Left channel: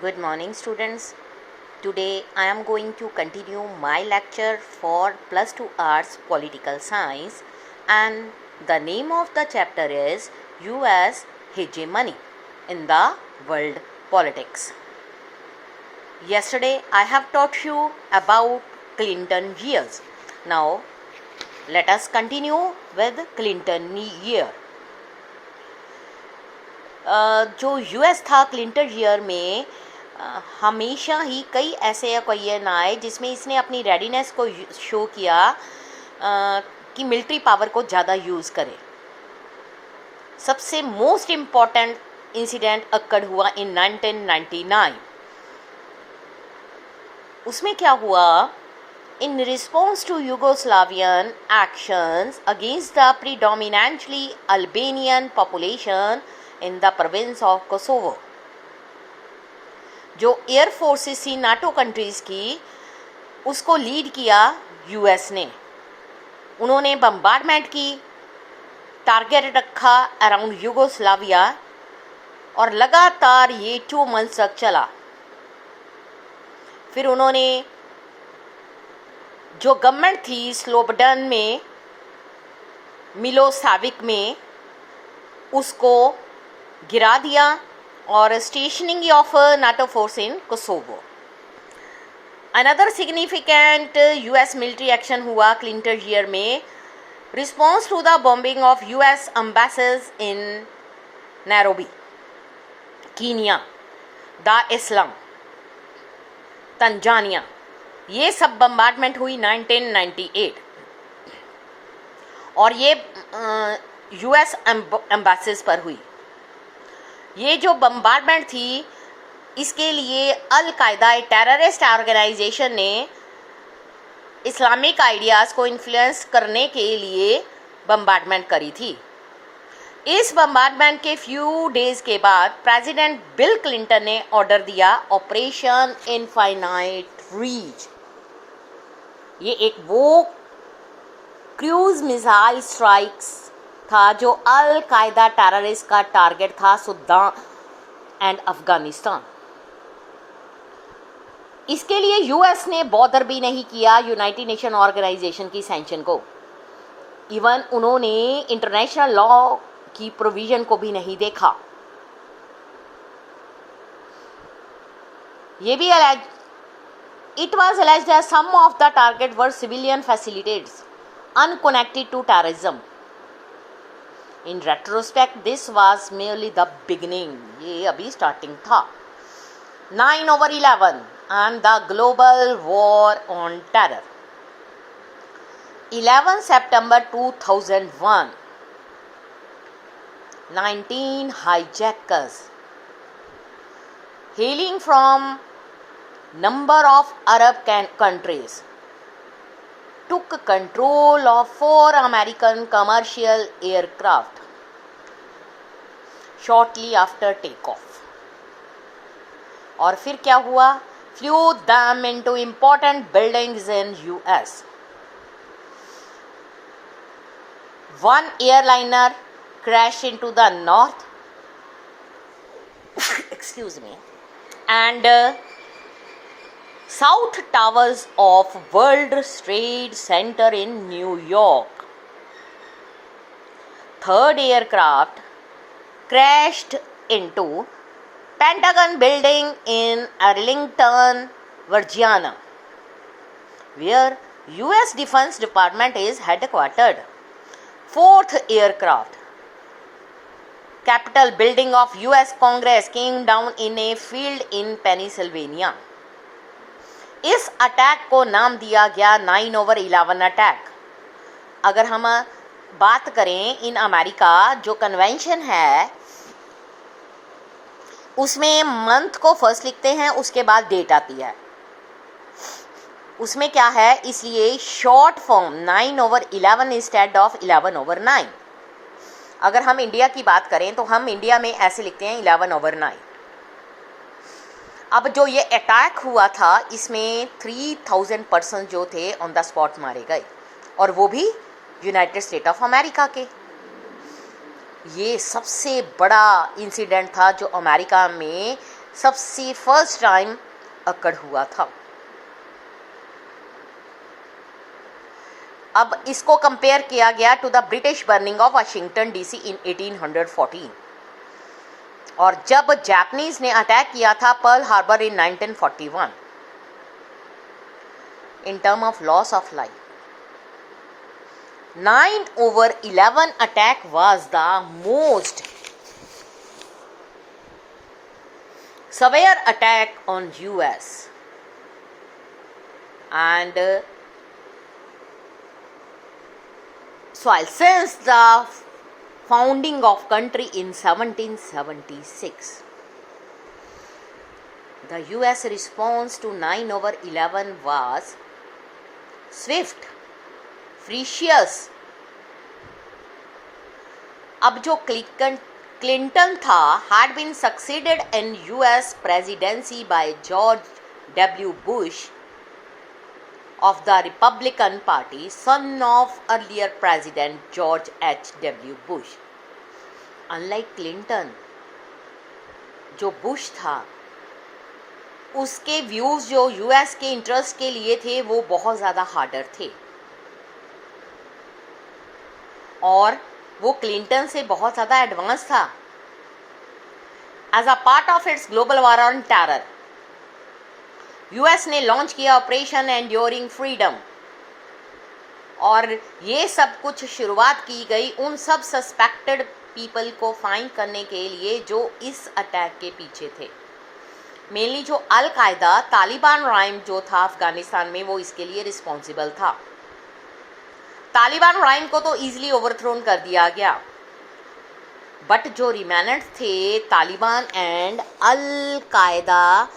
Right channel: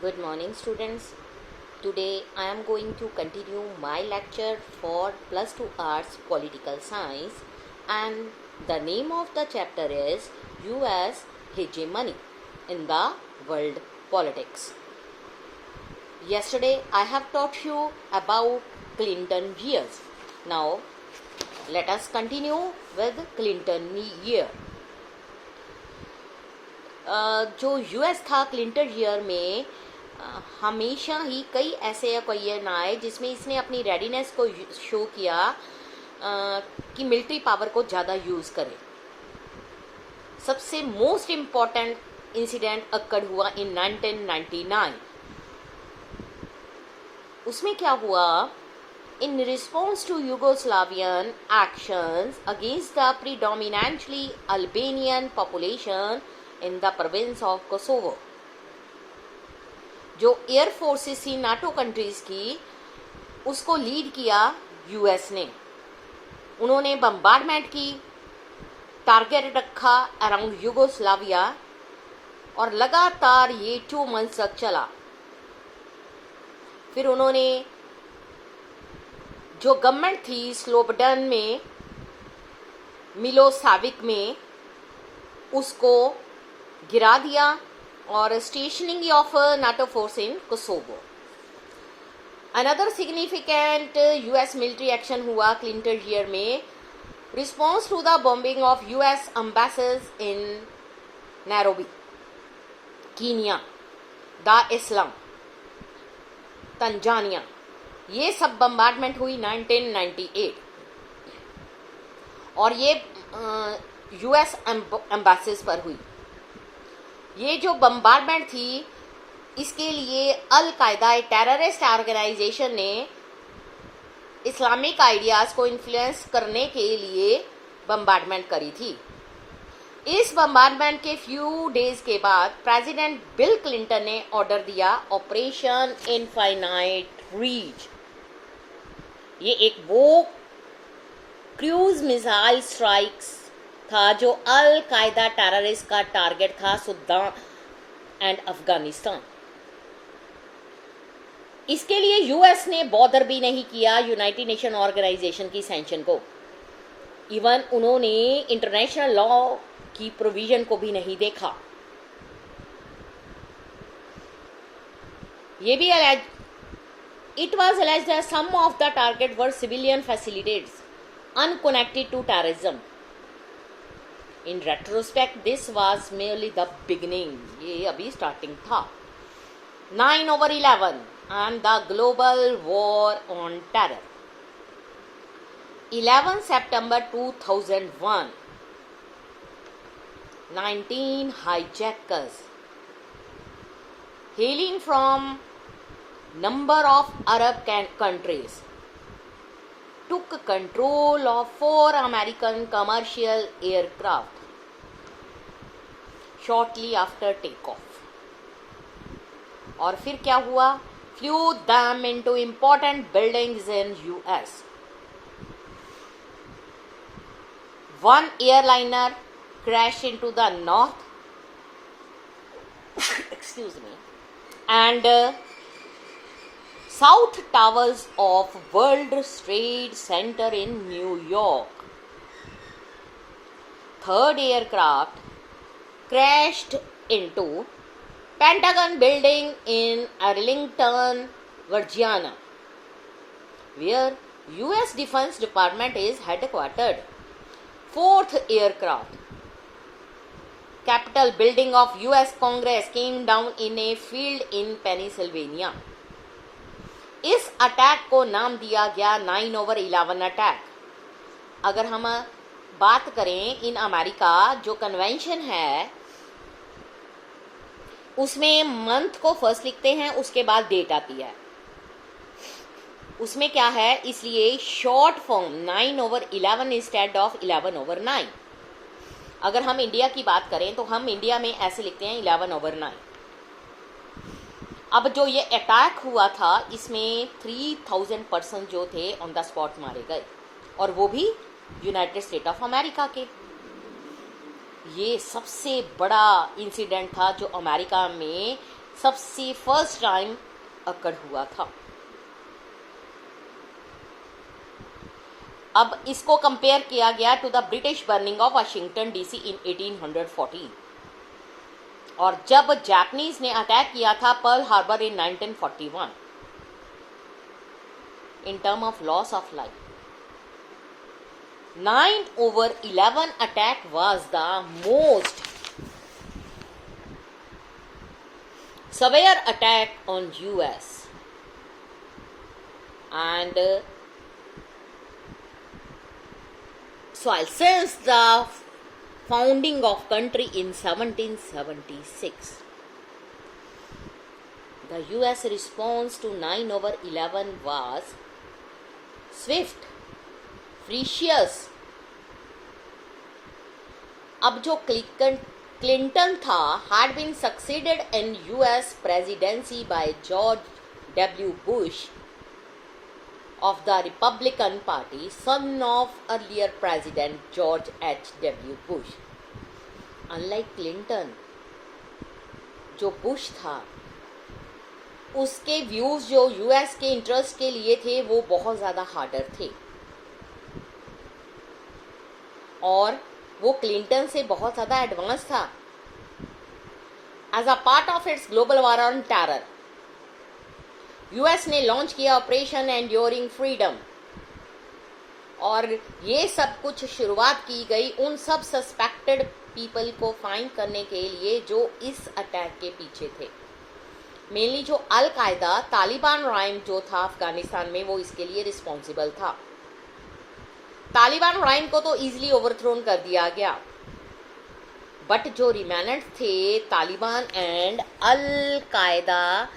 Good morning, students. Today I am going to continue my lecture for plus 2 arts political science, and the name of the chapter is US hegemony in the world politics. Yesterday I have taught you about Clinton years. Now let us continue with Clinton year. जो US था Clinton year में हमेशा ही कई ऐसे occasion आए जिसमें इसने अपनी रेडीनेस को शो किया कि मिलिट्री पावर को ज़्यादा यूज़ करे. सबसे मोस्ट इम्पॉर्टेंट इंसिडेंट अक्कड़ हुआ इन 1999. उसमें क्या हुआ? In response to Yugoslavian actions against the predominantly Albanian population in the province of Kosovo, जो एयर फोर्सेस थी नाटो कंट्रीज़ की, उसको लीड किया यूएस ने. उन्होंने बम्बार्डमेंट की, टारगेट रखा अराउंड यूगोस्लाविया, और लगातार ये 2 मंथ्स तक चला. फिर उन्होंने जो गवर्नमेंट थी स्लोबडन में, मिलोसेविक में, उसको गिरा दिया और stationing of NATO force in Kosovo. Another significant US military action हुआ क्लिंटन ईयर में, response to the bombing of US embassies in Nairobi, Kenya, Dar es Salaam, Tanzania. ये सब बम्बार्डमेंट हुई 1998, और ये यूएस एम्बेसीज पर हुई. ये जो बम्बार्डमेंट थी, इसके लिए अल कायदा टेररिस्ट ऑर्गेनाइजेशन ने इस्लामिक आइडियाज़ को इन्फ्लुएंस करने के लिए बम्बार्डमेंट करी थी. इस बम्बार्डमेंट के फ्यू डेज के बाद प्रेसिडेंट बिल क्लिंटन ने ऑर्डर दिया ऑपरेशन इनफाइनाइट रीच. ये एक वो क्रूज मिसाइल स्ट्राइक्स था जो अल कायदा टेररिस्ट का टारगेट था, सूडान एंड अफगानिस्तान. इसके लिए यूएस ने बॉदर भी नहीं किया यूनाइटेड नेशन ऑर्गेनाइजेशन की सैंक्शन को. इवन उन्होंने इंटरनेशनल लॉ की प्रोविजन को भी नहीं देखा. ये भी it was alleged that some of the target were civilian facilities unconnected to terrorism. In retrospect, this was merely the beginning. ये अभी स्टार्टिंग था. 9/11 and the global war on terror. 11 September 2001. 19 hijackers hailing from number of Arab countries took control of 4 American commercial aircraft shortly after takeoff. और फिर क्या हुआ? Flew them into important buildings in US. One airliner crashed into the north excuse me, and South Towers of World Trade Center in New York. Third aircraft crashed into Pentagon building in Arlington, Virginia, where US Defense Department is headquartered. Fourth aircraft, Capitol building of US Congress, came down in a field in Pennsylvania. इस attack को नाम दिया गया 9/11 attack. अगर हम बात करें in America, जो कन्वेंशन है उसमें मंथ को फर्स्ट लिखते हैं, उसके बाद डेट आती है. उसमें क्या है, इसलिए शॉर्ट फॉर्म 9/11 इंस्टेड ऑफ 11/9. अगर हम इंडिया की बात करें तो हम इंडिया में ऐसे लिखते हैं 11/9. अब जो ये अटैक हुआ था, इसमें 3000 पर्सन जो थे ऑन द स्पॉट मारे गए, और वो भी यूनाइटेड स्टेट ऑफ अमेरिका के. ये सबसे बड़ा इंसिडेंट था जो अमेरिका में सबसे फर्स्ट टाइम अकड़ हुआ था। अब इसको कंपेयर किया गया to the British burning of Washington DC in 1814, और जब जापानीज ने अटैक किया था Pearl Harbor in 1941 in term of loss of life. 9/11 attack was the most severe attack on US, and since the founding of country in 1776, the US response to 9/11 was swift, ferocious. अब जो Clinton था had been succeeded in US presidency by George W. Bush of the Republican Party, son of earlier President George H.W. Bush. Unlike Clinton, जो Bush था, उसके views जो US के interest के लिए थे वो बहुत ज़्यादा हार्डर थे, और वो क्लिंटन से बहुत ज़्यादा एडवांस था। As a part of its global war on terror, US ने लॉन्च किया ऑपरेशन एंड्योरिंग फ्रीडम, और ये सब कुछ शुरुआत की गई उन सब सस्पेक्टेड पीपल को फाइंड करने के लिए जो इस अटैक के पीछे थे। मेनली जो अल कायदा तालिबान राइम जो था अफगानिस्तान में, वो इसके लिए रिस्पॉन्सिबल था। तालिबान राइम को तो इजीली ओवरथ्रोन कर दिया गया, बट जो रिमेनेंट थे तालिबान एंड अल कायदा,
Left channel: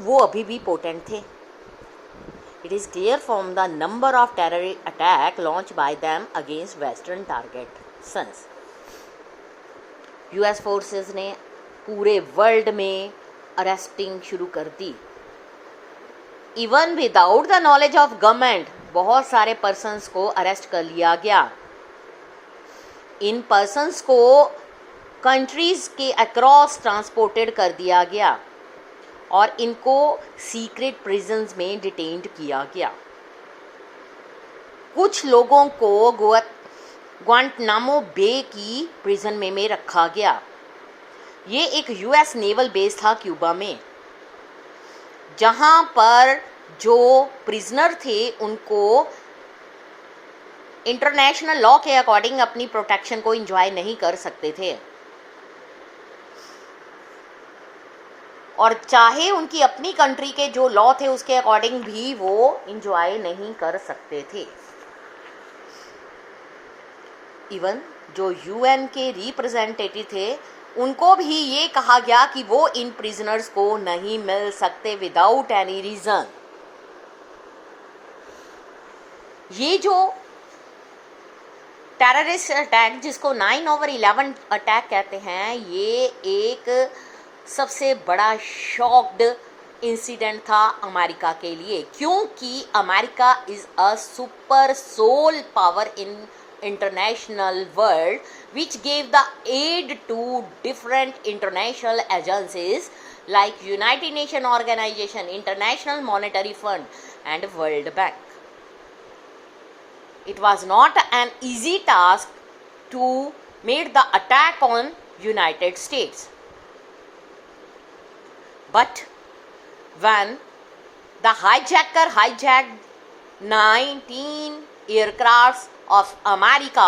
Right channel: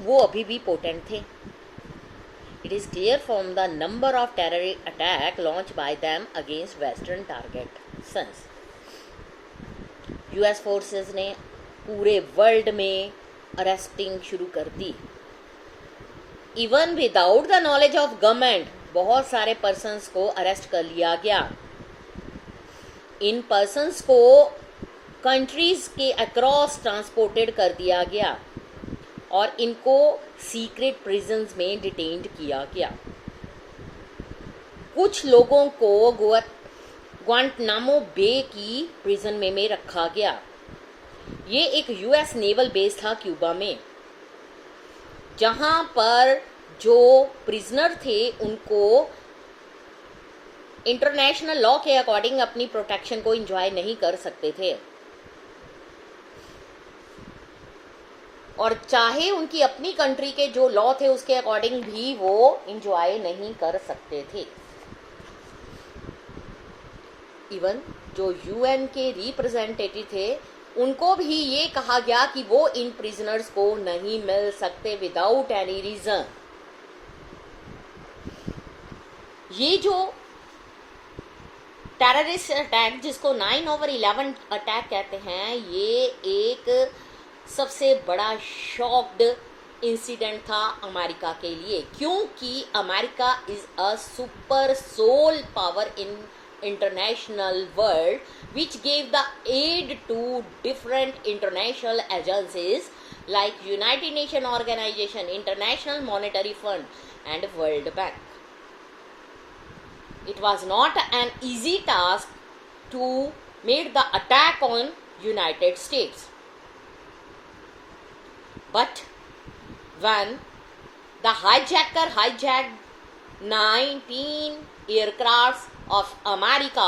वो अभी भी पोटेंट थे। It is clear from the number of terror attack launch by them against western targets. US forces ने पूरे वर्ल्ड में अरेस्टिंग शुरू कर दी, even without the knowledge of government. बहुत सारे पर्सन्स को अरेस्ट कर लिया गया। इन पर्सन्स को कंट्रीज के अक्रॉस ट्रांसपोर्टेड कर दिया गया और इनको सीक्रेट प्रिजन्स में डिटेन्ड किया गया। कुछ लोगों को ग्वांटनामो बे की प्रिजन में रखा गया। ये एक यूएस नेवल बेस था क्यूबा में, जहां पर जो प्रिजनर थे उनको इंटरनेशनल लॉ के अकॉर्डिंग अपनी प्रोटेक्शन को एंजॉय नहीं कर सकते थे, और चाहे उनकी अपनी कंट्री के जो लॉ थे उसके अकॉर्डिंग भी वो एंजॉय नहीं कर सकते थे। इवन जो यूएन के रिप्रेजेंटेटिव थे उनको भी ये कहा गया कि वो इन प्रिजनर्स को नहीं मिल सकते विदाउट एनी रीजन। ये जो टेररिस्ट अटैक जिसको 9/11 अटैक कहते हैं, ये एक सबसे बड़ा शॉक्ड इंसिडेंट था अमेरिका के लिए, क्योंकि America is a super sole power in international world which gave the aid to different international agencies like United Nations Organization, International Monetary Fund and World Bank. It was not an easy task to make the attack on United States, but when the hijacker hijacked 19 aircrafts of America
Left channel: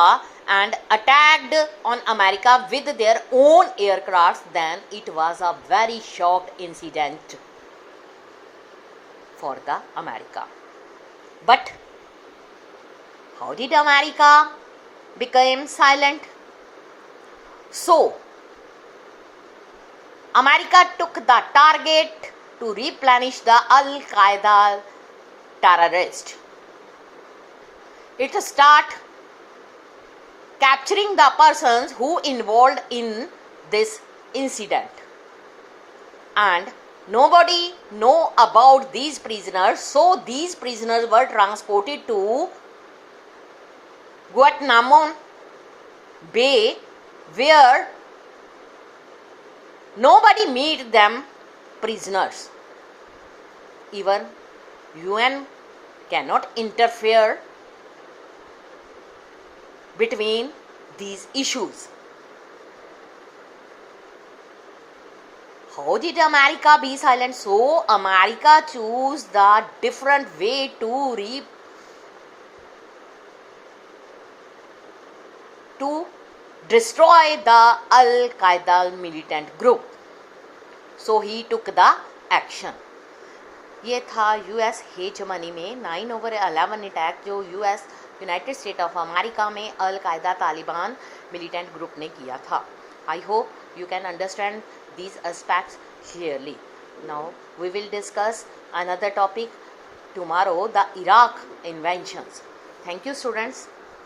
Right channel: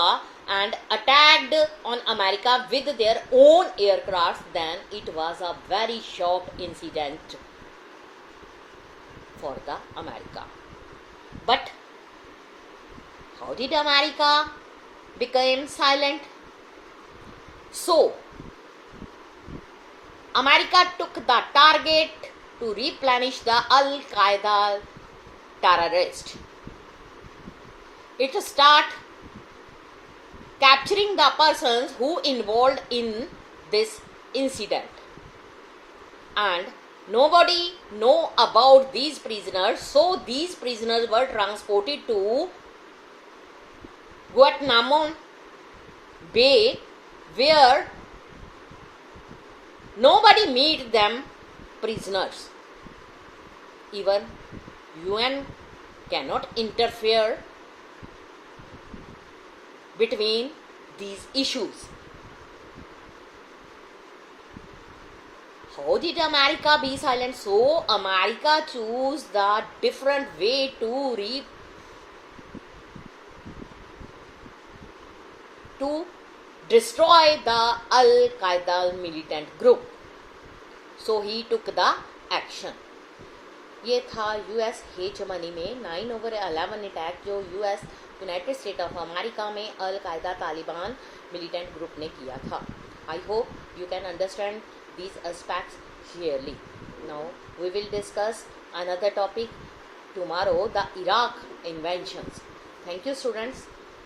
and attacked on America with their own aircraft, then it was a very shocked incident for the America. But how did America become silent? So America took the target to replenish the Al Qaeda terrorists. It start capturing the persons who involved in this incident, and nobody know about these prisoners, so these prisoners were transported to Guantanamo Bay, where Nobody made them prisoners. Even UN cannot interfere between these issues. How did America be silent? So America chose the different way to destroy the Al-Qaeda militant group. So he took the action. ये था US hegemony में 9/11 attack जो US United state of America में अल कायदा Taliban militant group ने किया था. I hope you can understand these aspects clearly. Now we will discuss another topic tomorrow, the Iraq inventions. Thank you, students.